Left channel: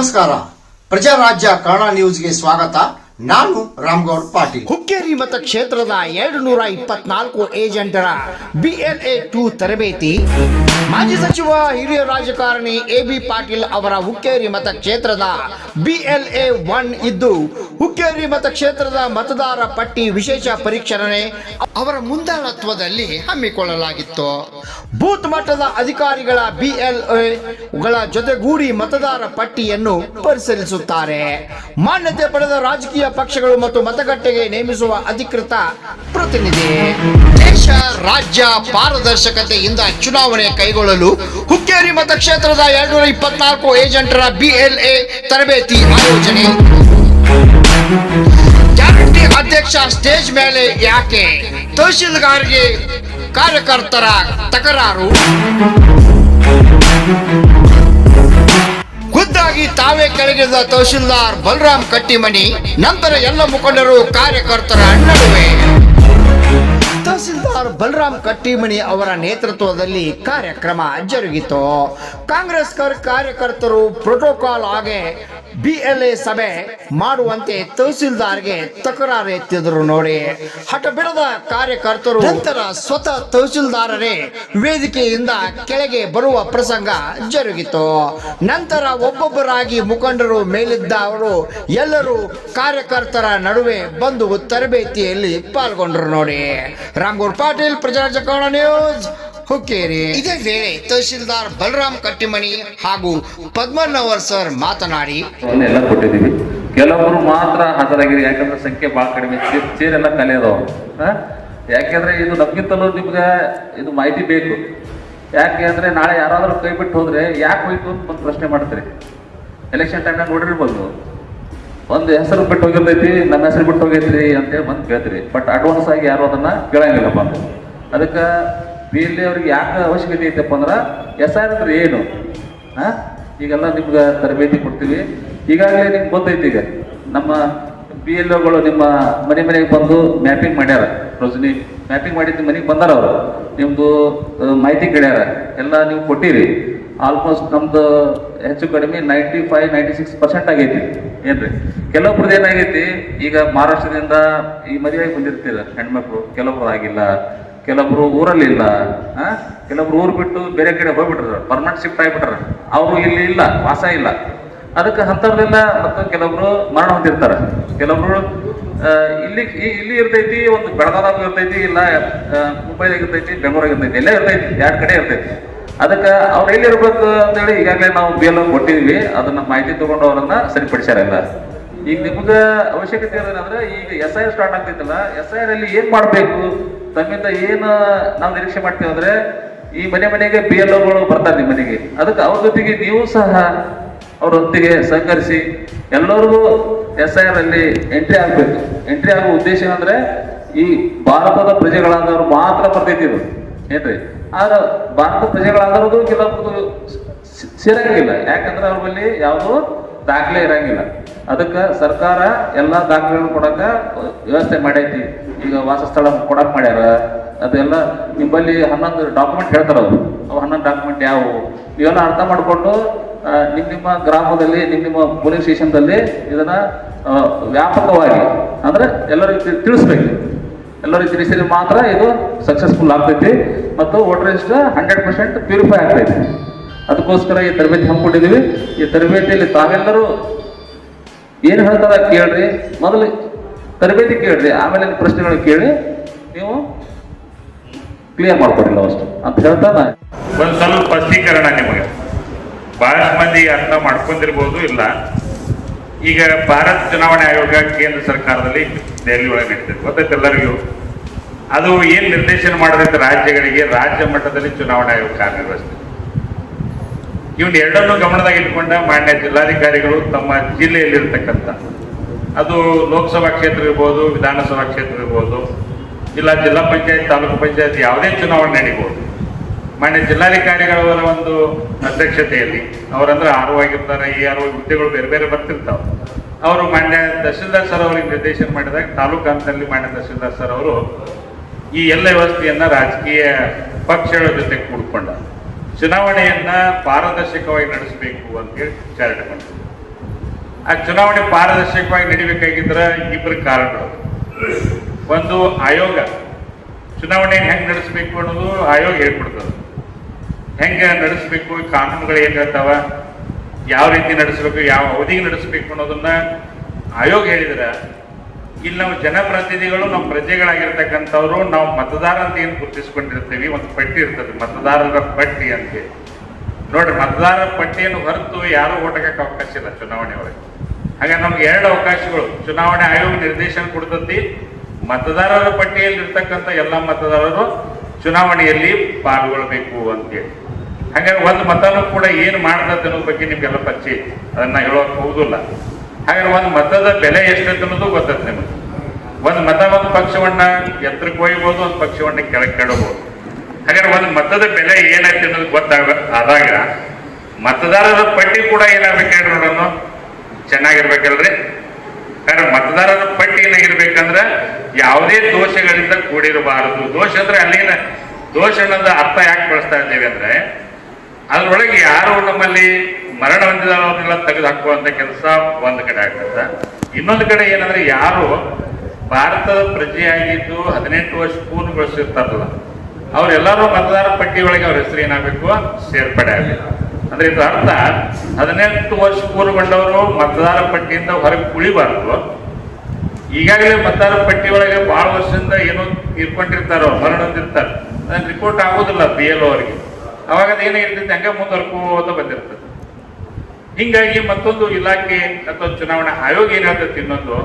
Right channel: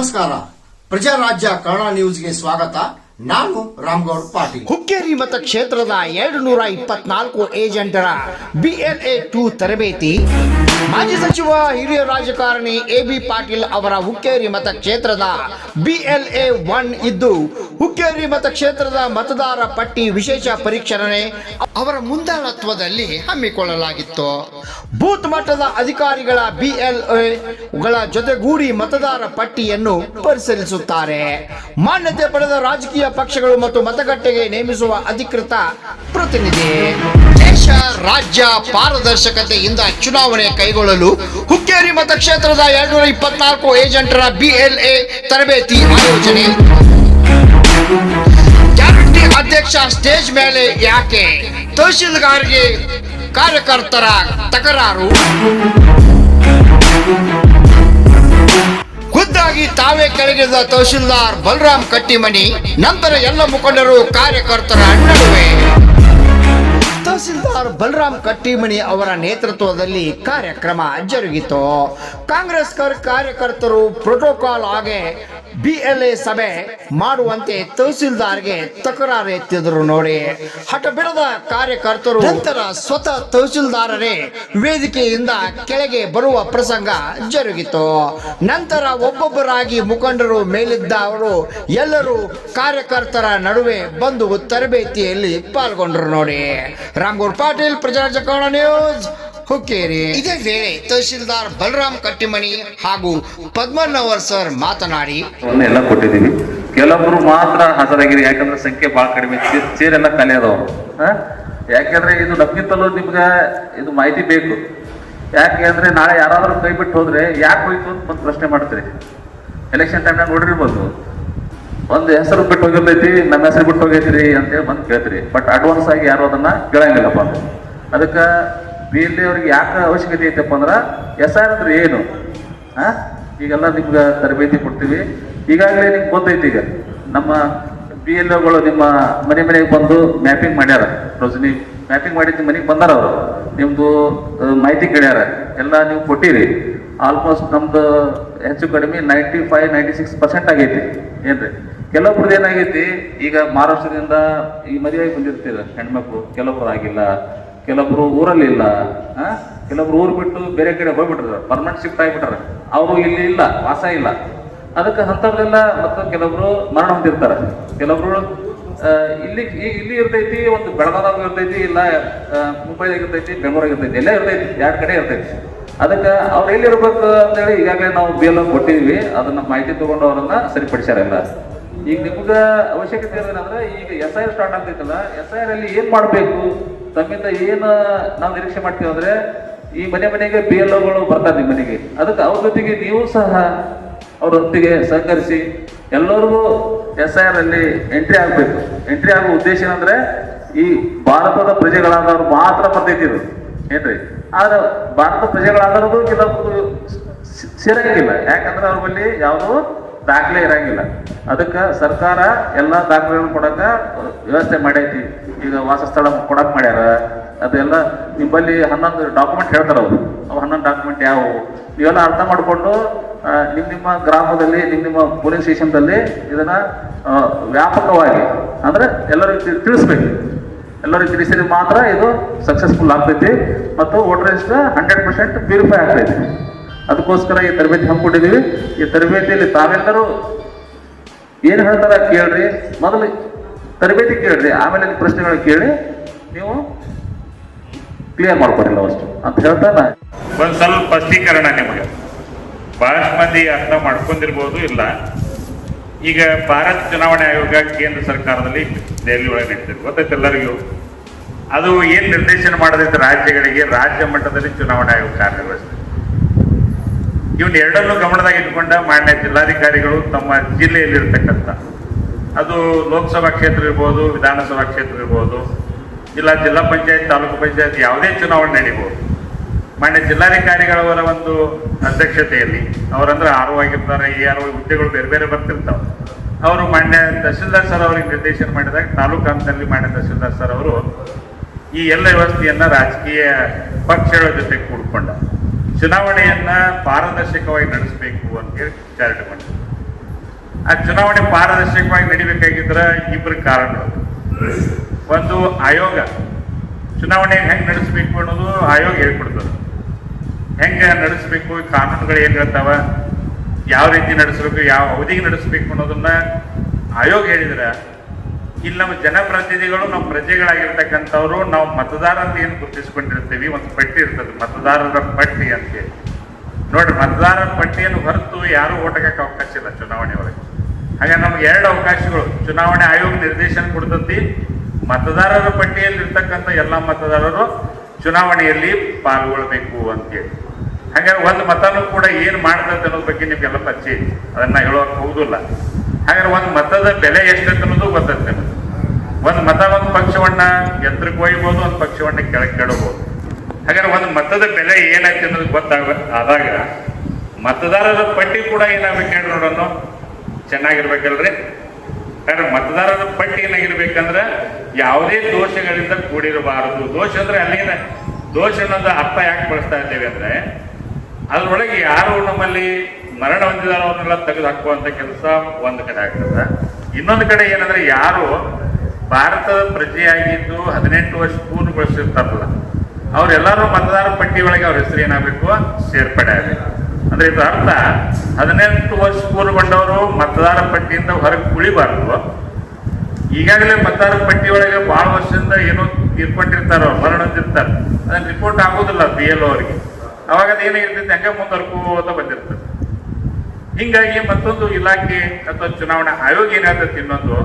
ನಮಸ್ಕಾರ. ಪ್ರಜಾರಾಜ್ಯ ಕನ್ನಡ ನ್ಯೂಸ್ಗೆ ಸ್ವಾಗತ. ನಾನು ರಾಮಗೌಡ ಪಾಟೀಲ್. ಹುಕ್ಕೇರಿ ಮತಕ್ಷೇತ್ರದ 224 ಏಜೆಂಟರ BLA 2 ತರಬೇತಿ. ಮಾಜಿ ಸಚಿವ ಹಿರಿಯ ರಾಜಕಾರಣಿ AB ಪಾಟೀಲ್ ಅವರ ಹುಕ್ಕೇರಿ ಮತಕ್ಷೇತ್ರದ BLA 1 ಇದ್ದು, ಹುಕ್ಕೇರಿ ಮತಕ್ಷೇತ್ರದ ಮತದಾರ ಪಟ್ಟಿ ವಿಶೇಷ ಪರಿಷ್ಕರಣೆ ಅವರ ಮುಂದಾಳತ್ವದಲ್ಲಿ ಹಮ್ಮಿಕೊಳ್ಳಲಾಗಿತ್ತು. ಬೂತ್ ಮಟ್ಟದ ಅಧಿಕಾರಿಗಳ BLAಗಳ ಜೊತೆಗೂಡಿ ಮತದಾರ ಪಟ್ಟಿಯನ್ನು ಪರಿಶೀಲಿಸುತ್ತಾರೆ. ಮಾನ್ಯತೆ ಪಡೆದ ರಾಜಕೀಯ ಪಕ್ಷಗಳು ಮತ್ತು ಮತಗಟ್ಟೆಗೆ ನೇಮಿಸುವ ಅಧಿಕೃತ ಪ್ರತಿನಿಧಿ. ದೇಶ ರಾಜ್ಯ ಪಾರದರ್ಶಕತೆಯಿಂದ ಚುನಾವಣೆ ಕೈಗೊಳ್ಳಲು ಹುಕ್ಕೇರಿ ಮತಕ್ಷೇತ್ರದ 224 ಏಜೆಂಟರ BLA ತರಬೇತಿ ಆಯೋಜನೆ. ಗ್ಯಾರಂಟಿ ಅಧ್ಯಕ್ಷ ಸ್ಟೇಜ್ ಮೇಲೆ ಯಾಕೆ? ತಹಶೀಲ್ದಾರ್ಗೆ ಕಾರ್ಯಕರ್ತರ ತಕರಾರು. ಖುದ್ದಾಗಿ ತಾವೇ ಕೆಳಗಿಳಿದ ತಹಶೀಲ್ದಾರ್ ಬಲರಾಮ್ ಕಟ್ಟಿಮನಿ. ನಂತರ ಎಲ್ಲ ಮುಖಂಡರು ಕಾರ್ಯಕರ್ತರ ನಡುವೆ. ತಹಸೀಲ್ದಾರ್ ಬಲರಾಮ್ ಕಟ್ಟಿಮನಿ ಅವರ ನೇತೃತ್ವದಲ್ಲಿ ಕಾರ್ಯಕ್ರಮ ಜರುಗಿತು. ಕಾಂಗ್ರೆಸ್ ಕಾರ್ಯಕರ್ತರು ಪ್ರೋಟೋಕಾಲ್ ಆಗಿ BLA ಸಭೆ ಮಾಡುವಂತೆ ತಹಸೀಲ್ದಾರ್ಗೆ ತಕರಾರು ಎತ್ತಿದ್ರು ನೋಡಿ. ಹಠ ಬಿಡದ ಕಾರ್ಯಕರ್ತರು ನಂತರ ಸ್ವತಃ ತಹಸೀಲ್ದಾರರೇ ವೇದಿಕೆಯಿಂದ ಕೆಳಗೆ ಬರುವ ಪ್ರಸಂಗ ಜರುಗಿತು. ನಂತರ ಒಬ್ಬೊಬ್ಬರಾಗಿ ಮುಖಂಡರು ಮೇಲಿದ್ದವರು ಎಲ್ಲರೂ ಕಾರ್ಯಕರ್ತರ ನಡುವೆ ಬಂದು ತರಬೇತಿಯಲ್ಲಿ ಪಾಲ್ಗೊಂಡರು ನೋಡಿ. ರಾಮಗೌಡ ಪಾಟೀಲ್, ಪ್ರಜಾರಾಜ್ಯ ಕನ್ನಡ ನ್ಯೂಸ್, ಹುಕ್ಕೇರಿ. ಇದೇ ವೇಳೆ ತಹಶೀಲ್ದಾರ್ ಬಲರಾಮ್ ಕಟ್ಟಿಮನಿ ಹಾಗೂ ಪದ್ಮನ್ನವರ್ ಸರ್ ಮಾತನಾಡಿ, ಎಲ್ಲ ಕೊಟ್ಟಿದ್ದೀವಿ. ಕೆಲವೊಬ್ರು ಮಾತ್ರ ಹಾಜರಾಗಿದೆ, ಯಾಕಂದ್ರೆ ಸಂಖ್ಯೆ ಬಹಳ ಕಡಿಮೆ, ಚೇರೆಲ್ಲ ಖಾಲಿ ಅದಾವ. ಯಾಕೆಂದ್ರೆ ಇದು ನಮ್ಗಿಂತಲೂ ನಿಮ್ಗೆ ಇದು ಮಾಹಿತಿ ಬೇಕು. ಯಾಕೆ ಅಂದ್ರೆ ನಾಳೆ ಯಾರಾದ್ರೂ ಕೈ ಬಿಟ್ಟು ಹೋದ್ರೆ ಯಾಕೆ ಹೋಯ್ತು ಅಂತ ಒಂದು ಪ್ರಶ್ನೆ ಮಾಡ್ತೀರಿ. ಎಲೆಕ್ಷನ್ ಟೈಮ್ನಾಗ ನೋಡಿರ್ಬೋದು, ಒಂದು ಹೆಸರು ಬಿಟ್ಟು ಹೋಗಿರ್ತೈತಿ, ನನ್ನ ಹೆಸರು ಬಿಟ್ಟು ಹೋಗೈತ್ರಿ ಅಂತೇಳಿ ಬಂದು ಕೇಳ್ತೀರಿ. ಬಟ್ ಅಡ್ವಾನ್ಸ್ ಆಗಿ ಯಾರು ಅದನ್ನ ಕೇಳಂಗಿಲ್ಲಪ್ಪ. ಅದಕ್ಕೆ BLA ಅವ್ರಿಗೆ ಯಾಕೆ ಅವಶ್ಯಕತೆ ಐತಪ್ಪ ಅಂದ್ರೆ SR ಅಂದ್ರೆ ಏನು, ಈಗೆಲ್ಲ ನಿಮ್ಗೆ ತರಬೇತಿ ಕೊಡ್ತೀವಿ. ಈಗಾಗಲೇ ನಿಮ್ಗೆ ಗೊತ್ತೈತಿ, ಈಗ ನಮ್ಮ BLAಗಳು ನಿಮ್ಮ ಮನೆಗೆ ಬಂದು ಮ್ಯಾಪಿಂಗ್ ಮಾಡ್ಯಾರ. ರೋಜಿನಿ ಮ್ಯಾಪಿಂಗ್ ಮಾಡಿದ್ದು ಮನೆಗೆ ಬಂದಾರ, ಅವರು ನಿಮ್ದು ಮಾಹಿತಿ ಕೇಳ್ಯಾರ, ಎಲ್ಲ ನೀವು ಕೊಟ್ಟಿರಿ. ಆಲ್ಮೋಸ್ಟ್ ನಮ್ದು ಹೆಚ್ಚು ಕಡಿಮೆ 95-96% ಆಗೈತಿ. ಏನ್ರಿ, ಕೆಲವೊಬ್ರದ್ದು ಏನಾಗೈತಿ, ಈಗ ಮಹಾರಾಷ್ಟ್ರದಿಂದ ಈ ಮದುವೆಗೆ ಬಂದಿರ್ತೀರ ಹೆಣ್ಮಕ್ಳು, ಕೆಲವೊಬ್ರು ಆಗಿಲ್ಲ, ಕೆಲವೊಬ್ರು ಊರಲ್ಲಿ ಇಲ್ಲ, ಕೆಲವೊಬ್ರು ಊರು ಬಿಟ್ಟು ಬೇರೆ ಕಡೆ ಹೋಗ್ಬಿಟ್ರ, ಪರ್ಮನೆಂಟ್ ಶಿಫ್ಟ್ ಆಗಿಬಿಟ್ರ, ಅವರು ಇಲ್ಲಿ ಇಲ್ಲ, ವಾಸ ಇಲ್ಲ. ಅದಕ್ಕೆ ಅಂಥವ್ರೆಲ್ಲ ಮತ್ತು ಕೆಲವೊಬ್ರು ಮರಣ ಹೊಂದಿರ್ತಾರೆ. ಕೆಲವೊಬ್ರು ಇಲ್ಲಿ ಇರ್ತೈತಿ, ಒಂದು ಬೆಳಗಾದಾಗ ಇರ್ತೈತಿ, ಇಲ್ಲ ಮುಂಬೈದಾಗ ಇರ್ತೈತಿ, ಬೆಂಗಳೂರಾಗ ಇರ್ತೈತಿ, ಎಲ್ಲ ಇರ್ತೈತಿ, 2 ಕಡೆ ಇರ್ತೈತಿ. ಅದಕ್ಕೆ ಅವ್ರು ಎಲ್ಲಿರ್ಬೇಕು ಅಂತೇಳಿ ಈಗಾಗಲೇ ನಾವು BLA ಕೊಟ್ಟಿದ್ವಿ. ಅದನ್ನ ಮಾಹಿತಿ ತಗೊಂಡು ಅವರನ್ನ ಸರಿಪಡಿಸ್ಯಾರಲ್ಲ. ಈಗ ನಿಮ್ಗೆ ಅವಶ್ಯಕತೆ ಏನಂದ್ರೆ, ಈಗ SIR ಸ್ಟಾರ್ಟ್ ಆಗ್ತೈತಲ್ಲ, SIR ಅಲ್ಲಿ ಏನ್ ಮಾಡ್ಬೇಕು, ತಮ್ಮಿಂದ ಏನು ನಾವು ನಿರೀಕ್ಷೆ ಮಾಡ್ತೀವಿ ಅಂದ್ರೆ, ಈ ಮನೆಗೆ BLAಗಳು ಬರ್ತಾರೆ ನಿಮ್ಮ ಮನೆಗೆ. ಅದಕ್ಕೆ ಅವ್ರ ಜೊತೆಗೆ ನೀವು ಸಹ ಅವ್ರ ಹೊತ್ತಿಗೆ ಸಹಕರಿಸಿ ಎಲ್ಲರಿಗೂ SIR ಅಲ್ಲಿ ಎಂಟ್ರಿ ಆಗ್ಬೇಕು. ಎಂಟ್ರಿ ಆಗೋ ಉದ್ದೇಶ ಅಂದ್ರೆ, ಈ ಭಾರತದ ಪ್ರಜೆಗಳಾದವ್ರು ಮಾತ್ರ ಬರ್ತೈತಿ ಇದು, ಏನ್ರಿ. ಆದ್ರೆ ಭಾರತ ಪ್ರಜೆಗಳಾದವ್ರದ್ದು ಕೆಲವೊಂದು ಸೇರಂಗಿಲ್ಲ, ಯಾಕಂದ್ರೆ ಅವ್ರ ಬಳಿ ಯಾವುದು ದಾಖಲೆ ಇರಂಗಿಲ್ಲ. ಅದಕ್ಕೆ ಸರ್ಕಾರ ಎಲ್ಲ ದಾಖಲೆಗಳನ್ನು ಕೊಡಕ ವ್ಯವಸ್ಥೆ ಮಾಡೈತಿ. ಈಗ ವಾಸಸ್ಥಳ ಕೊಡಕ್ ಮಾಡ್ಯಾರ. ಅದೆಲ್ಲ ನಿಮ್ಮಲ್ಲಿ 11 ಡಾಕ್ಯುಮೆಂಟ್ ಹೇಳ್ತಾರ. ಅವು 11 ಡಾಕ್ಯುಮೆಂಟ್ ಯಾವುವು ಇವೆಲ್ಲ ಅರ್ಥ ಮಾಡಿಕೊಂಡು ನಿಮ್ಮ ಗ್ರಾಮದಲ್ಲಿ, ನಿಮ್ಮ ಪೊಲೀಸ್ ಸ್ಟೇಷನ್ದಲ್ಲಿ ಇದನ್ನ ವ್ಯಾಪಕವಾಗಿ ಅಂದ್ರೆ ಎಲ್ಲರಿಗೂ ತಿಳಿಸ್ಬೇಕು. ಎಲ್ಲರಿಗೂ ತಿಳಿಸಿದ್ರೆ ಮಾತ್ರ ಇದು ಸಕ್ಸಸ್ಫುಲ್ ಆಗ್ತೈತಿ ಮತ್ತು ವೋಟರ್ ಲಿಸ್ಟ್ 100% ಪ್ಯೂರಿಫೈ ಆಗ್ತೈತಿ. ಅದಕ್ಕೋಸ್ಕರ ಈ ತರಬೇತಿ ಹಮ್ಮಿಕೊಂಡಿದ್ದೀವಿ. ಈ ತರಬೇತಿಯಲ್ಲಿ ತಾವೆಲ್ಲರೂ ಏನು ಹೇಳ್ತಾರ ಕೇಳ್ರಿ, ಮೊದಲು ತರಬೇತಿ ಕೇಳ್ರಿ, ಆಮೇಲೆ ಪ್ರಶ್ನೆಗಳು ಕೇಳಿ ನೀವು ಕ್ಲಿಯರ್ ಮಾಡ್ಕೊಡಿಲ್ಲ ಅಷ್ಟು ಅಂತ ಹೇಳ್ತಾನ. ಒಂದು ಸ್ವಲ್ಪ ಸ್ಪಷ್ಟೀಕರಣ ನಿಮಗೆ ಬಹಳಷ್ಟು ಮಂದಿ ಅರ್ಥ ಮಾಡ್ಕೊಂಡಿರ್ಬೋದು ಇಲ್ಲ. ಈಗ ಭಾರತ ಚುನಾವಣೆ ಆಯೋಗ ಕೇಂದ್ರ ಸರ್ಕಾರದಲ್ಲಿ ದೆಹಲಿ ಒಳಗೆ ನಡೀತದೆ, ಗೊತ್ತೈತೆ ಎಲ್ಲರಿಗೂ. ಅದು ಏನ್ ನಿರ್ದೇಶನ ಮಾಡದೈತೆ ರಾಜ್ಯಗಳಿಗೆ, ರಾಜ್ಯ ಮಟ್ಟದಲ್ಲಿ ಚುನಾವಣಾ ಆಯೋಗ ಕಾರ್ಯನಿರ್ವಹಿಸ್ತದೆ. ಇವನ್ ಎರಡನ್ನೂ ಗಮನದಾಗ ಇಟ್ಕೊಂಡ ಮಾನ್ಯ ಜಿಲ್ಲಾಧಿಕಾರಿಗಳು ತಮ್ಮ ಜಿಲ್ಲೆಯಲ್ಲಿರ್ತಕ್ಕಂಥ, ಅದು ಲೋಕಸಭಾ ಕ್ಷೇತ್ರ ಇರ್ಬೋದು, ವಿಧಾನಸಭಾ ಕ್ಷೇತ್ರ ಇರ್ಬೋದು, ಇಲ್ಲ ಜಿಲ್ಲಾ ಪಂಚಾಯತ್, ತಾಲೂಕು ಪಂಚಾಯತ್, ಯಾವುದೇ ಚುನಾವಣೆ ನಡೀಬಹುದು. ಮಾನ್ಯ ಜಿಲ್ಲಾಧಿಕಾರಿಗಳವರ ಒಂದು ಅಧ್ಯಕ್ಷತೆಯಲ್ಲಿ, ಅವರಂದ್ರೆ RO ಆಗಿರ್ತಾರೆ, ARO ಹುದ್ದೆಗಳು ಬೇರೆ ಬೇರೆ ಬರ್ತಿರ್ತಾವೆ. ಅವರು ಮಾನ್ಯ ತಹಶೀಲ್ದಾರ್ ಸರ್ ಅವರಿಗೆ ನಿರ್ದೇಶನ ಮಾಡಿದಾಗ ತಾಲೂಕು ಹಂತದಲ್ಲಿ ಮಾನ್ಯ ತಹಶೀಲ್ದಾರ್ ಸರ್ ಅವರು ಈ ಎಲ್ಲ ವ್ಯವಸ್ಥೆಯನ್ನ ರಾಜಕೀಯ ಪಕ್ಷಗಳ ಜೊತೆ ಕೂಡ್ಕೊಂಡ ಚುನಾವಣೆಯನ್ನ ಪಾರದರ್ಶಕವಾಗಿ ನಡೆಸಬೇಕು ಅಂತೇಳಿ ವಿಚಾರಣೆ ಮಾಡಿದ್ರು. ಆ ಚುನಾವಣೆ ಪಾರದರ್ಶಕವಾಗಿ ನಡಿಬೇಕಾಗಿದ್ರ ಇಬ್ಬರು ಕಾರಣಗಳು. ಒಂದು ಆಯೋಗ, ಚುನಾವಣೆ ಹೆಂಗ್ ನಡೆಸಬೇಕು ಅನ್ನೋದು ಆಯೋಗ ಹೇಳ್ಕೊಡ್ತದೆ. ಹೆಂಗೆ ನಡೆಸಬೇಕು, ಕಾನೂನುಗಳು ಏನ್ ಹೇಳ್ತಾವ, ಯಾವ ರೀತಿ ನಡೆಸಬೇಕು, ಯಾವ ಅವಧಿಗೆ ನಡೆಸಬೇಕು ಅನ್ನೋದನ್ನ ಆಯೋಗ ಹೇಳಿದ್ರ, ಇಲ್ಲಿ ನಾವು ಜನಪ್ರತಿನಿಧಿಗಳು ನಮ್ಮ ಪ್ರಜೆಗಳಾಗಿರ್ತಕ್ಕಂಥವ್ರು ನಾವು ಮತದಾರ ಅಂತ ಏನು ಗುರುತಿಸ್ಕೊಂಡಿರ್ತೀವಿ, ಒಂದು ಪಟ್ಟಿ ಇರ್ತದೆ ಮತದಾರರ ಪಟ್ಟಿ ಅಂತೇಳಿ. ನೋಡ್ರಿ, ಮತದಾರರ ಪಟ್ಟಿಯನ್ನು ಹೊರತು ಯಾರು ಓಟ್ ಹಾಕಕ್ಕೆ ಅವಕಾಶ ಇಲ್ಲ ಚುನಾವಣೆ ಒಳಗೆ. ಹಾಗಾಗಿ ನಮ್ಗೆ ಎರಡು ಅವಕಾಶಗಳು ಚುನಾವಣೆ ಆಯೋಗ ನಿರ್ದೇಶನ ಕೊಡ್ತತಿ. ಮತದಾರರ ಪಟ್ಟಿಯಲ್ಲಿ ಇರ್ತಕ್ಕಂಥ ಎಲ್ಲ ಮತದಾರರು ಚುನಾವಣೆಯಲ್ಲಿ ಪಾಲ್ಗೊಳ್ಬೇಕು ಅಂತೇಳಿ. ಹಾಗಾದ್ರೆ ಒಂದು ಮತನೂ ಕೂಡ ಏನು ಮಾಡ್ತದೆ ಅನ್ನೋದ್ರ ಬಗ್ಗೆ ನಿಮ್ಗೆಲ್ಲ ಪರಿಚಯ ಇದೆ, ಅದನ್ನ ಹೇಳೋಕೆ ಹೋಗುದಿಲ್ಲ. ಹಾಗಾದ್ರೆ ಒಂದು ಮತದ ಬೆಲೆ ಎಷ್ಟೈತೆ ಅನ್ನೋದು ಗೊತ್ತೈತೆ ನಿಮಗೆ. ಒಂದು ಮತ ಒಂದು ಪಕ್ಷವನ್ನ ಎತ್ತರಕ್ಕೆ ಒಯ್ಯಬಹುದು, ಒಂದು ಪಕ್ಷವನ್ನ ಕೆಳಗೆ ಕೆಡಬಹುದು. ಹಾಗಾದ್ರೆ ಒಂದು ಮತದ ಬೆಲೆ ಏನಾಯ್ತು ಅನ್ನೋದು ಆದಾಗ ಮತದಾರರ ಪಟ್ಟಿ ಕೂಡ ಏನಾಗಬೇಕು ನೋಡೋಣ, ಚೆನ್ನಾಗಿರ್ಬೇಕಲ್ರಿ. ಯಾಕಂದ್ರೆ ಮತದಾರರ ಪಟ್ಟಿ ಏನಾಗಿರ್ಬೇಕಂದ್ರೆ ಯಾವುದೇ ದೋಷಗಳಿಂದ ಕೂಡಿರಬಾರದು. ದೋಷ ಅಂದ್ರೆ ಅಲ್ಲಿನ ದೋಷ ಅನ್ನೋದು ಅರ್ಥ ಯಾಕೆ ಬಳಸ್ತಾ ಇದ್ದೇವೆ ಅಂದ್ರೆ, ಅದ್ರೊಳಗೆ ಯಾರು ನಮ್ಮಲ್ಲಿ ಮರಣ ಹೊಂದಿದವರನ್ನೆಲ್ಲ ತೆಗೆದು ಹಾಕುವಂತ ಕೆಲಸ ಒಂದು ಕಡೆ ಆಗ್ತದ. ಇನ್ನೊಂದು ಕಡೆ ಏನಂದ್ರೆ, ಯಾರು ಭಾರತದ ಪ್ರಜೆಯಾಗಿದ್ದು 18 ವರ್ಷ ಪೂರ್ಣಗೊಳಿಸಿರ್ತಾರಲ್ಲ, ಅವರೆಲ್ಲರೂ ಮತದಾರ ಪಟ್ಟಿ ಒಳಗೆ ಅವ್ರ ಹೆಸರು ಏನಾಗಬೇಕು, ಸೇರ್ಪಡೆ ಆಗಬೇಕು. ಅಂದ್ರೆ ಇದು ಅರ್ಥ 18 ವರ್ಷ ಪೂರ್ಣಗೊಂಡವರು ಮತದಾರ ಪಟ್ಟಿಯಿಂದ ಹೊರಗೆ ಉಳಿಬಾರದು. ಈಗಾಗಲೇ ಮತದಾರ ಪಟ್ಟಿ ಒಳಗೆ ಬಹಳ ವರ್ಷದಿಂದ ಏನೋ ತೀರ್ಕೊಂಡಿರ್ತಾರ, ಮರಣ ಹೊಂದಿರ್ತಾರೆ, ಅದನ್ನ ರಿಪೋರ್ಟ್ ಆಗೋದಿಲ್ಲ BLO ಅವರಿಗೆ. ಅವಾಗ ಅದೇನಾಗಿರ್ತೈತೆ, ಹಂಗೆ ಮುಂದುವರ್ಕೋತ ಬಂದಿರ್ತದೆ. ಹಿಂಗಾಗಿ ಮತ್ತೊಂದು ಇಲಾಖೆ ಅಥವಾ ಚುನಾವಣಾ ಆಯೋಗ ಏನ್ ಹೇಳ್ತೈತಿ, ಇನ್ನೊಂದು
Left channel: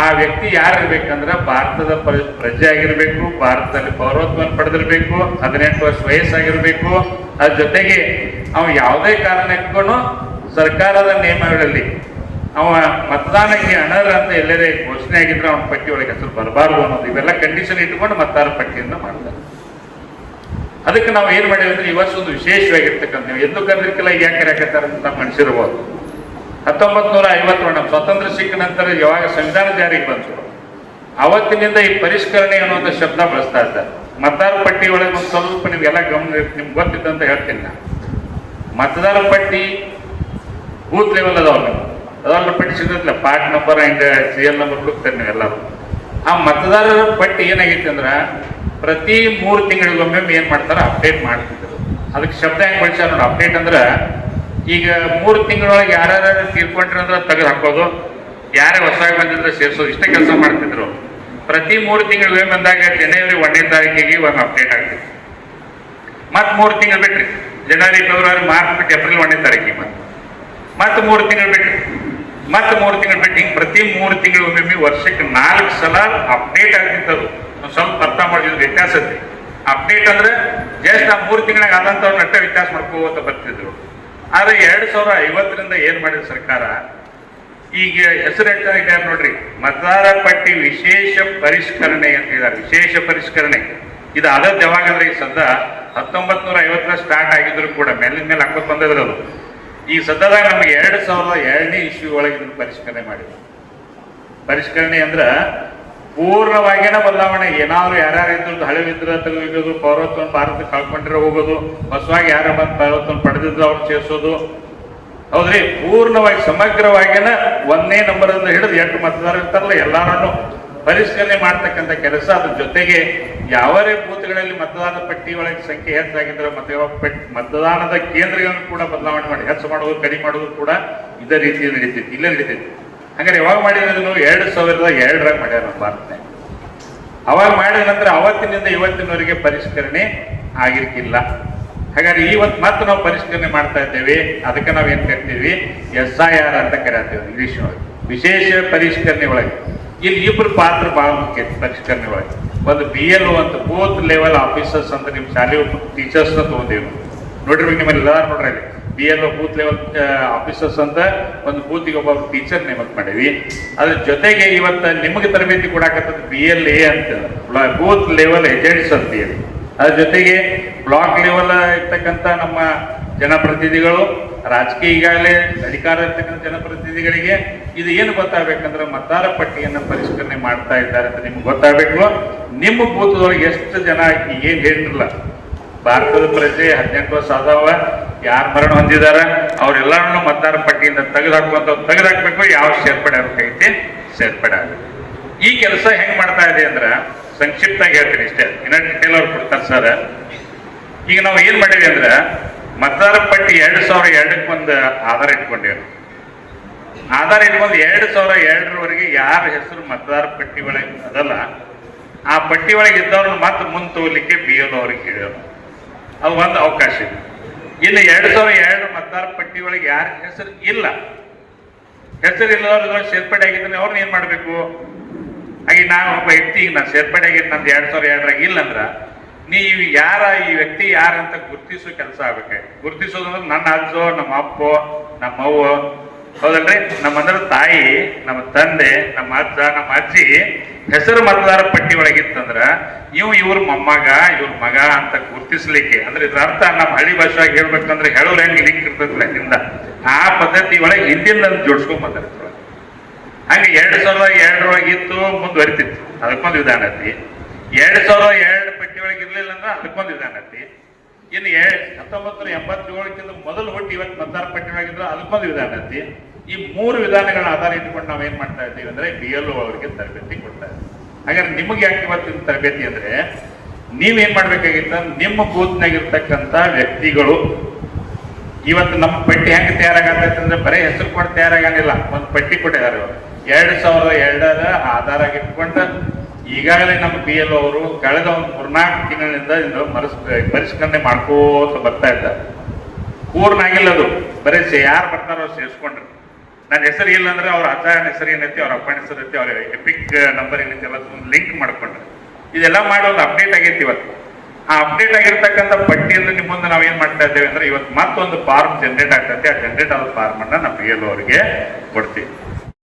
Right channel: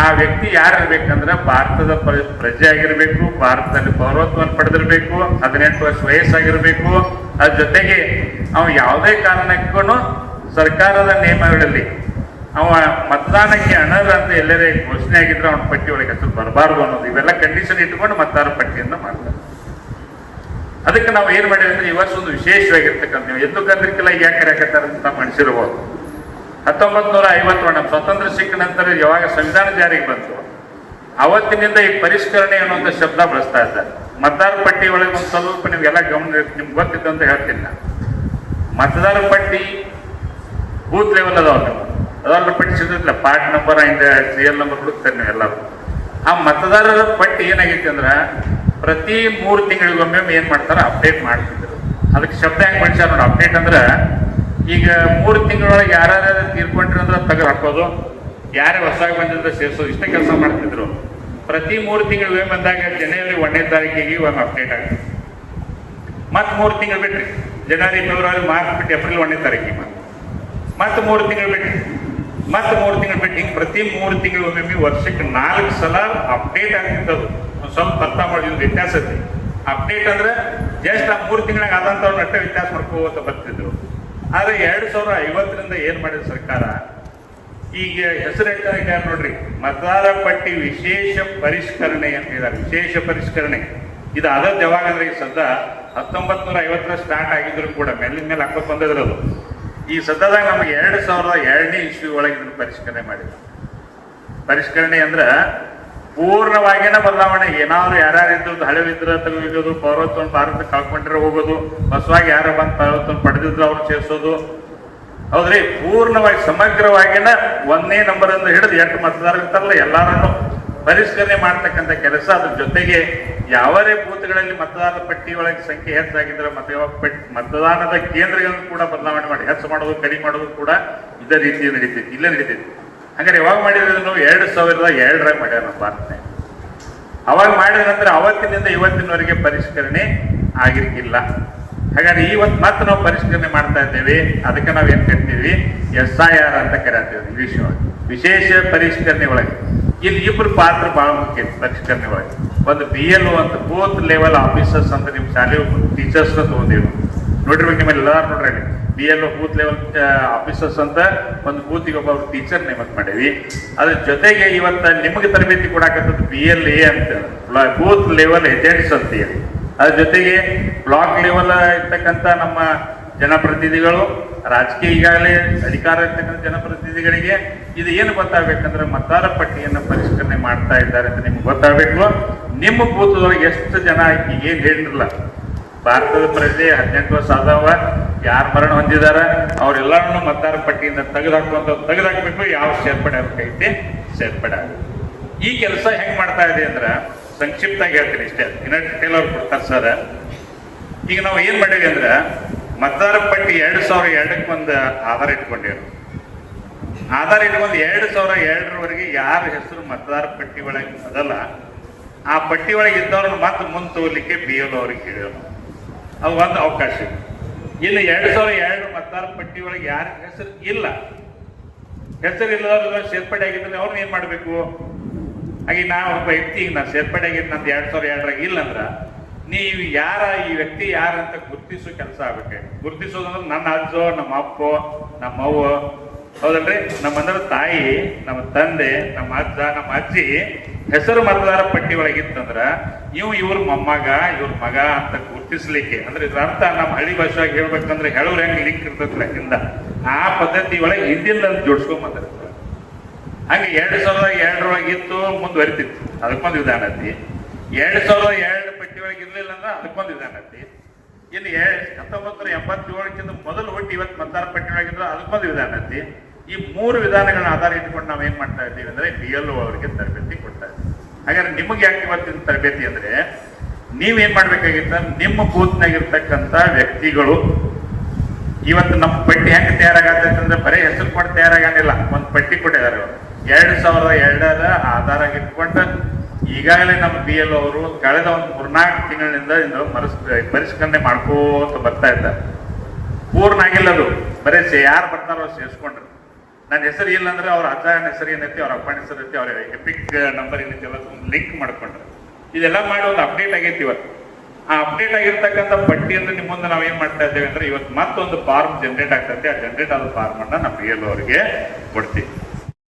ಆ ವ್ಯಕ್ತಿ ಯಾರಿರ್ಬೇಕಂದ್ರೆ ಭಾರತದ ಪ್ರಜೆ ಆಗಿರ್ಬೇಕು, ಭಾರತದಲ್ಲಿ ಪೌರತ್ವವನ್ನು ಪಡೆದಿರ್ಬೇಕು, 18 ವರ್ಷ ವಯಸ್ಸಾಗಿರ್ಬೇಕು. ಅದ್ರ ಜೊತೆಗೆ ಅವ ಯಾವುದೇ ಕಾರಣಕ್ಕೂ ಸರ್ಕಾರದ ನಿಯಮಗಳಲ್ಲಿ ಅವ ಮತದಾನಕ್ಕೆ ಅನರ್ಹ ಅಂತ ಎಲ್ಲರೇ ಘೋಷಣೆ ಆಗಿದ್ರೆ ಅವನ ಪಟ್ಟಿ ಒಳಗೆ ಹೆಸರು ಬರಬಾರ್ದು ಅನ್ನೋದು, ಇವೆಲ್ಲ ಕಂಡೀಷನ್ ಇಟ್ಕೊಂಡು ಮತದಾರ ಪಟ್ಟಿಯನ್ನು ಮಾಡ್ತಾರೆ. ಅದಕ್ಕೆ ನಾವು ಏನ್ ಮಾಡಿದ್ವಿ ಅಂದ್ರೆ, ಈ ವರ್ಷ ಒಂದು ವಿಶೇಷವಾಗಿರ್ತಕ್ಕಂಥ, ನೀವು ಎಂದು ಕರ್ದಿರ್ಕಲ್ಲ ಯಾಕೆ ಕರೆಯಕತ್ತಾರ ಅಂತ ಮನುಷ್ಯರ್ಬೋದು. 1951 ನಮ್ಮ ಸ್ವಾತಂತ್ರ್ಯ ಸಿಕ್ಕ ನಂತರ ಯಾವಾಗ ಸಂವಿಧಾನ ಜಾರಿಗೆ ಬಂತು, ಅವತ್ತಿನಿಂದ ಈ ಪರಿಷ್ಕರಣೆ ಅನ್ನುವಂಥ ಶಬ್ದ ಬಳಸ್ತಾ ಇದ್ದಾರೆ. ಮತದಾರ ಪಟ್ಟಿ ಒಳಗೆ ಒಂದು ಸ್ವಲ್ಪ ನಿಮ್ಗೆಲ್ಲ ನಿಮ್ಗೆ ಗೊತ್ತಿತ್ತು ಅಂತ ಹೇಳ್ತೀನಿ ನಾನು. ಮತದಾರ ಪಟ್ಟಿ ಬೂತ್ ಲೆವೆಲ್ ಅದಾವಲ್ಲ, ಅದರ ಪಟ್ಟಿ ಸಿಗುತ್ತಿಲ್ಲ, ಪಾರ್ಟ್ ನಂಬರ್ ಹಿಂಗೆ serial ನಂಬರ್ ಹುಡುಕ್ತಾರೆ ನೀವೆಲ್ಲರೂ. ಆ ಮತದಾರರ ಪಟ್ಟಿ ಏನಾಗಿತ್ತು ಅಂದ್ರೆ, ಪ್ರತಿ 3 ತಿಂಗಳಿಗೊಮ್ಮೆ ಏನ್ ಮಾಡ್ತಾರ, ಅಪ್ಡೇಟ್ ಮಾಡ್ತಿದ್ರು. ಅದಕ್ಕೆ ಶಬ್ದ ಹೆಂಗ್ ಬಳಸ್ಯಾರ ನೋಡಿ, ಅಪ್ಡೇಟ್ ಅಂದ್ರೆ ಈಗ 3 ತಿಂಗಳೊಳಗೆ ಯಾರ್ಯಾರು ತೀರ್ಕೊಂಡ್ರೆ ತೆಗೆದು ಹಾಕೋದು, ಯಾರೇ ಹೊಸದಾಗಿ ಬಂದಿದ್ರೆ ಸೇರಿಸೋದು, ಇಷ್ಟೇ ಕೆಲಸ ಮಾಡ್ತಿದ್ರು. ಪ್ರತಿ 3 ತಿಂಗಳಿಗೆ ಬಂದಾಗ ಜನವರಿ 1ನೇ ತಾರೀಕಿಗೆ ಒಂದು ಅಪ್ಡೇಟ್ ಆಗ್ತಿತ್ತು. ಮತ್ತೆ 3 ತಿಂಗಳು ಬಿಟ್ರಿ, ಜನವರಿ ಫೆಬ್ರವರಿ ಮಾರ್ಚ್ ಬಿಟ್ಟು ಏಪ್ರಿಲ್ 1ನೇ ತಾರೀಕಿಗೆ ಮತ್ತೆ 3 ತಿಂಗಳು ಬಿಟ್ರಿ, ಮತ್ತೆ 3 ತಿಂಗಳು ಬಿಟ್ಟು, ಹಿಂಗೆ ಪ್ರತಿ 3 ತಿಂಗಳಿಗೊಮ್ಮೆ ವರ್ಷಕ್ಕೆ 4 ಸಲ ಅಪ್ಡೇಟ್ ಆಗ್ತಿತ್ತದು. ಸ್ವಲ್ಪ ಅರ್ಥ ಮಾಡಿದ್ರು ವ್ಯತ್ಯಾಸ ಐತಿ. ಅಪ್ಡೇಟ್ ಅಂದ್ರೆ ಜಸ್ಟ್ ಆ 3 ತಿಂಗಳಾಗ ಆದಂತವ್ರು ನಟ್ಟ ವ್ಯತ್ಯಾಸ ಮಾಡ್ಕೋತ ಬರ್ತಿದ್ರು. ಆದ್ರೆ 2050ರಿಂದ ಏನ್ ಮಾಡಿದ್ರು ಸರ್ಕಾರ, ಈಗ ಹೆಸರು ಹೇಳ್ತಾರೆ ನೋಡ್ರಿ, ಮತದಾರ ಪಟ್ಟಿ ವಿಶೇಷ ಪರಿಷ್ಕರಣೆ ಅಂತ ಹೇಳಿದ್ದಾರೆ. ವಿಶೇಷ ಪರಿಷ್ಕರಣೆ ಇದು ಆದದ್ದು ಯಾವಾಗಂದ್ರೆ, ಈ ಸದ್ದ 1950 ಸ್ಟಾರ್ಟ್ ಆಗಿದ್ರು ಕೂಡ ಮೇಲಿನ ಮೇಲೆ ಹಾಕೋತ್ ಬಂದಿರೋದು. ಈ ಸದ್ಯದಾಗ ನಮ್ಗೆ 2002ನೇ ಇಸ್ವಿ ಒಳಗೆ ಇದನ್ನು ಪರಿಷ್ಕರಣೆ ಮಾಡಿದ್ರು. ಪರಿಷ್ಕರಣೆ ಅಂದ್ರ ಪೂರ್ಣವಾಗಿನ ಬದಲಾವಣೆ. ಏನಾದ್ರು ಯಾರ್ಯಾರು ಇದ್ದು ಹಳೆವಿದ್ರ ತೆಗೆದು ಪೌರತ್ವವನ್ನು ಭಾರತಕ್ಕೆ ಕಳ್ಕೊಂಡಿರೋ ಹೋಗೋದು, ಹೊಸವಾಗಿ ಯಾರ ಬಂದು ಪೌರತ್ವವನ್ನು ಪಡೆದಿದ್ರು ಅವ್ರು ಸೇರಿಸೋದು, ಹೌದ್ರಿ. ಪೂರ್ಣವಾಗಿ ಸಮಗ್ರವಾಗಿನ 1ನೇ ನಂಬರ್ ಅಂತ ಹಿಡಿದು 8 ಮತದಾರ ಇರ್ತಾರಲ್ಲ ಎಲ್ಲಾರನ್ನು ಪರಿಷ್ಕರಣೆ ಮಾಡ್ತಕ್ಕಂಥ ಕೆಲಸ. ಅದ್ರ ಜೊತೆಗೆ ಯಾವರೇ ಬೂತ್ಗಳಲ್ಲಿ ಮತದಾರರ ಪಟ್ಟಿ ಒಳಗೆ ಸಂಖ್ಯೆ ಹೆಚ್ಚಾಗಿದ್ರೆ ಮತದಾನದ ಕೇಂದ್ರಗಳನ್ನು ಕೂಡ ಬದಲಾವಣೆ ಮಾಡಿ ಹೆಚ್ಚು ಮಾಡೋದು, ಕಡಿಮೆ ಮಾಡೋದು ಕೂಡ ಇದೇ ರೀತಿ ನಡೀತಿತ್ತು, ಇಲ್ಲೇ ನಡೀತಿತ್ತು. ಹಾಗಾದ್ರೆ ಯಾವಾಗ ಮಾಡಿರೋದನ್ನು 2002ರಾಗ ಮಾಡ್ಯಾರ ನಮ್ಮ ಭಾರತ. ಅವಾಗ ಮಾಡಿದ ನಂತರ ಅವತ್ತಿನಿಂದ ಇವತ್ತಿನವರೆಗೆ ಪರಿಷ್ಕರಣೆ ಆಗಿರ್ತಿಲ್ಲ. ಹಾಗಾದ್ರೆ ಇವತ್ತು ಮತ್ತೆ ನಾವು ಪರಿಷ್ಕರಣೆ ಮಾಡ್ತಾ ಇದ್ದೇವೆ. ಅದಕ್ಕೆ ನಾವು ಏನ್ ಕರಿತೀವಿ, SIR ಅಂತ ಕರೀತೀವಿ ಇಂಗ್ಲಿಷ್ ಒಳಗೆ, ವಿಶೇಷ ಪರಿಷ್ಕರಣೆ ಒಳಗೆ. ಇಲ್ಲಿ ಇಬ್ಬರು ಪಾತ್ರ ಬಹಳ ಮುಖ್ಯ ಪರಿಷ್ಕರಣೆ ಒಳಗೆ. ಒಂದು BLO ಅಂತ, ಬೂತ್ ಲೆವೆಲ್ ಆಫೀಸರ್ಸ್ ಅಂತ, ನಿಮ್ ಶಾಲೆ ಟೀಚರ್ಸ್ ತಗೊಂಡಿವಿ ನೋಡಿರ್ಬೇಕು ನಿಮ್ಮಲ್ಲಿ ಎಲ್ಲಾರು ನೋಡ್ರಿ. BLO ಬೂತ್ ಲೆವೆಲ್ ಆಫೀಸರ್ಸ್ ಅಂತ ಒಂದು ಬೂತಿಗೆ ಒಬ್ಬ ಟೀಚರ್ ನೇಮಕ ಮಾಡೀವಿ. ಅದ್ರ ಜೊತೆಗೆ ಇವತ್ತ ನಿಮಗೆ ತರಬೇತಿ ಕೊಡಾಕತ್ತದ BLA ಅಂತ, ಬೂತ್ ಲೆವೆಲ್ ಏಜೆಂಟ್ಸ್ ಅಂತ ಹೇಳಿ. ಅದ್ರ ಜೊತೆಗೆ ಬ್ಲಾಕ್ ಲೆವೆಲ್ ಇರ್ತಕ್ಕಂಥ ನಮ್ಮ ಜನಪ್ರತಿನಿಧಿಗಳು, ರಾಜಕೀಯ ಈಗಾಗಲೇ ಅಧಿಕಾರ ಇರ್ತಕ್ಕಂಥ ಜನಪ್ರತಿನಿಧಿಗಳಿಗೆ ಇದು ಏನು ಗೊತ್ತಾಗಬೇಕಂದ್ರೆ, ಮತದಾರ ಪಟ್ಟಿಯನ್ನು ಪರಿಷ್ಕರಣೆ ಮಾಡ್ತಾ ಇದ್ದಾರೆ ಅಂತ ನಿಮ್ಗೆ ಗೊತ್ತಾಗಬೇಕು. ನಿಮ್ಮ ಬೂತ್ದೊಳಗೆ ಎಷ್ಟು ಜನ ಏನ್ ಹೇಳಿರಲ್ಲ, ಭಾರತದ ಪ್ರಜೆ 18 ವರ್ಷ ಆದವ, ಯಾರು ಮರಣ ಹೊಂದಿದಾರ ಅವ್ರೆಲ್ಲರನ್ನು ಮತದಾರ ಪಟ್ಟಿಯಿಂದ ತೆಗೆದಾಕ್ಬೇಕು, ಯಾವ ಸೇರ್ಪಡೆ ಆಗಬೇಕೈತಿ ಸೇರ್ಪಡೆ ಆಗ. ಈ ಕೆಲಸ ಹೆಂಗ್ ಮಾಡ್ತಾ ಇದೆ ಅಂದ್ರ ಸಂಕ್ಷಿಪ್ತಾಗಿ ಹೇಳ್ತೀನಿ ಇಷ್ಟೇ, ಇನ್ನ ಡಿಟೇಲ್ ಅವ್ರು ಕೊಡ್ತಾರೆ ಸರ್. ಈಗ ನಾವು ಏನ್ ಮಾಡಿದ್ವಿ ಅಂದ್ರ ಮತದಾರ ಪಟ್ಟಿ 2002 ಒಂದು ಆಧಾರ ಇಟ್ಕೊಂಡೇವೆ. ಆಧಾರ ಇಟ್ಕೊಂಡು 2002 ಯಾರ ಹೆಸರು ಮತದಾರ ಪಟ್ಟಿ ಒಳಗೆ ಅದಲ್ಲ ಆ ಪಟ್ಟಿ ಒಳಗೆ ಇದ್ದವ್ರನ್ನ ಮತ್ತೆ ಮುಂದೆ ತೋಲಿಕ್ಕೆ BLO ಅವ್ರಿಗೆ ಹೇಳೋಣ, ಅದು ಒಂದು ಅವಕಾಶ ಇದೆ. ಇನ್ನು 2002 ಮತದಾರ ಪಟ್ಟಿ ಒಳಗೆ ಯಾರ ಹೆಸರು ಇಲ್ಲ, ಹೆಸರಿಲ್ಲದವ್ರ ಸೇರ್ಪಡೆ ಆಗಿದ್ರೆ ಅವ್ರನ್ನ ಏನ್ ಮಾಡ್ಬೇಕು? ಹಾಗೆ ನಾವು ಒಬ್ಬ ವ್ಯಕ್ತಿ ಈಗ ನಾನು ಸೇರ್ಪಡೆ ಆಗಿದ್ದು ನಂದು 2002 ಇಲ್ಲ ಅಂದ್ರ ನೀವು ಯಾರ ಈ ವ್ಯಕ್ತಿ ಯಾರಂತ ಗುರ್ತಿಸೋ ಕೆಲಸ ಆಗ್ಬೇಕು. ಗುರ್ತಿಸೋದಂದ್ರೆ ನನ್ನ ಅಜ್ಜೋ, ನಮ್ಮ ಅಪ್ಪೋ, ನಮ್ಮ ಅವ್ವ, ಹೌದಲ್ರಿ, ನಮ್ಮಂದ್ರ ತಾಯಿ, ನಮ್ಮ ತಂದೆ, ನಮ್ಮ ಅಜ್ಜ, ನಮ್ಮ ಅಜ್ಜಿ ಹೆಸರು ಮತದಾರ ಪಟ್ಟಿ ಒಳಗಿತ್ತಂದ್ರ ಇವ್ರ ಮೊಮ್ಮಗ, ಇವ್ರ ಮಗ ಅಂತ ಗುರ್ತಿಸ್ಲಿಕ್ಕೆ, ಅಂದ್ರೆ ಇದ್ರ ಅರ್ಥ ನಮ್ಮ ಹಳ್ಳಿ ಭಾಷೆಯಾಗಿ ಹೇಳ್ಬೇಕಂದ್ರೆ ಹೇಳೋರು ಹೆಂಗ್ ಲಿಂಕ್ ಇರ್ತೈತಿಲ್ಲ ಹಿಂದ, ಆ ಪದ್ಧತಿ ಒಳಗೆ ಹಿಂದಿನ ಜೋಡಿಸ್ಕೊಂಡ್ ಬಂದಿರ್ತಾರೆ. ಹಂಗೆ 2002 ಇತ್ತು, ಮುಂದುವರಿತಿತ್ತು, ಅದಕ್ಕೊಂದು ವಿಧಾನ ಐತಿ. 2002 ಪಟ್ಟಿ ಒಳಗೆ ಇರ್ಲಿಲ್ಲ ಅಂದ್ರೆ ಅದಕ್ಕೊಂದು ವಿಧಾನ ಐತಿ. ಇನ್ನು 1987 ಮೊದಲು ಹುಟ್ಟಿ ಇವತ್ತು ಮತದಾರ ಪಟ್ಟಿ ಒಳಗಿದ್ರೆ ಅದಕ್ಕೊಂದು ವಿಧಾನ ಐತಿ. ಈ 3 ವಿಧಾನಗಳನ್ನ ಆಧಾರ ಇಟ್ಕೊಂಡು ನಾವ್ ಏನ್ ಮಾಡ್ತಾ ಇದ್ದೀವಿ ಅಂದ್ರೆ BLO ಅವರಿಗೆ ತರಬೇತಿ ಕೊಡ್ತಾ ಇದ್ದೀವಿ. ಹಾಗಾದ್ರೆ ನಿಮಗೆ ಯಾಕೆ ಇವತ್ತಿನ ತರಬೇತಿ ಅಂದ್ರೆ ನೀವೇನ್ ಮಾಡ್ಬೇಕಾಗಿತ್ತ, ನಿಮ್ಮ ಬೂತ್ನಾಗಿರ್ತಕ್ಕಂಥ ವ್ಯಕ್ತಿಗಳು ಇವತ್ತು ನಮ್ಮ ಪಟ್ಟಿ ಹೆಂಗೆ ತಯಾರಾಗತ್ತೈತೆ ಅಂದ್ರೆ ಬರೀ ಹೆಸರು ಕೊಟ್ಟು ತಯಾರಾಗಂಗಿಲ್ಲ, ಒಂದು ಪಟ್ಟಿ ಕೊಟ್ಟಿದ್ದಾರೆ ಅವರು. 2002 ಆಧಾರ ಇಟ್ಕೊಂಡು ಈಗಾಗಲೇ ನಮ್ಮ BLO ಅವರು ಕಳೆದ ಒಂದು 3-4 ತಿಂಗಳಿನಿಂದ ಪರಿಷ್ಕರಣೆ ಮಾಡ್ಕೋತ ಬರ್ತಾ ಇದ್ದಾರೆ. ಪೂರ್ಣ ಆಗಿಲ್ಲ ಅದು, ಬರೀ ಯಾರು ಬರ್ತಾರೋ ಅವ್ರು ಸೇರಿಸ್ಕೊಂಡ್ರು. ನನ್ನ ಹೆಸರು ಇಲ್ಲ ಅಂದ್ರೆ ಅವ್ರ ಅಜ್ಜನ ಹೆಸರು ಏನೈತಿ, ಅವ್ರ ಅಪ್ಪನ ಹೆಸರು ಐತಿ, ಅವ್ರ ಎಪಿಕ್ ನಂಬರ್ ಏನೈತಿ ಎಲ್ಲ ಲಿಂಕ್ ಮಾಡ್ಕೊಂಡ್ರು. ಇದೆಲ್ಲ ಮಾಡಿ ಒಂದು ಅಪ್ಡೇಟ್ ಆಗೈತಿ ಇವತ್ತು. ಆ ಅಪ್ಡೇಟ್ ಆಗಿರ್ತಕ್ಕಂಥ ಪಟ್ಟಿಯಿಂದ ನಿಮ್ಮ ಮುಂದೆ ನಾವು ಏನ್ ಮಾಡ್ತಾ ಇದ್ದೇವೆ ಅಂದ್ರೆ ಇವತ್ತು ಮತ್ತೊಂದು ಫಾರ್ಮ್ ಜನರೇಟ್ ಆಗ್ತೈತೆ. ಆ ಜನರೇಟ್ ಆದ ಫಾರ್ಮ್ ಅನ್ನ ನಾವು BLO ಅವರಿಗೆ ಕೊಡ್ತೀವಿ.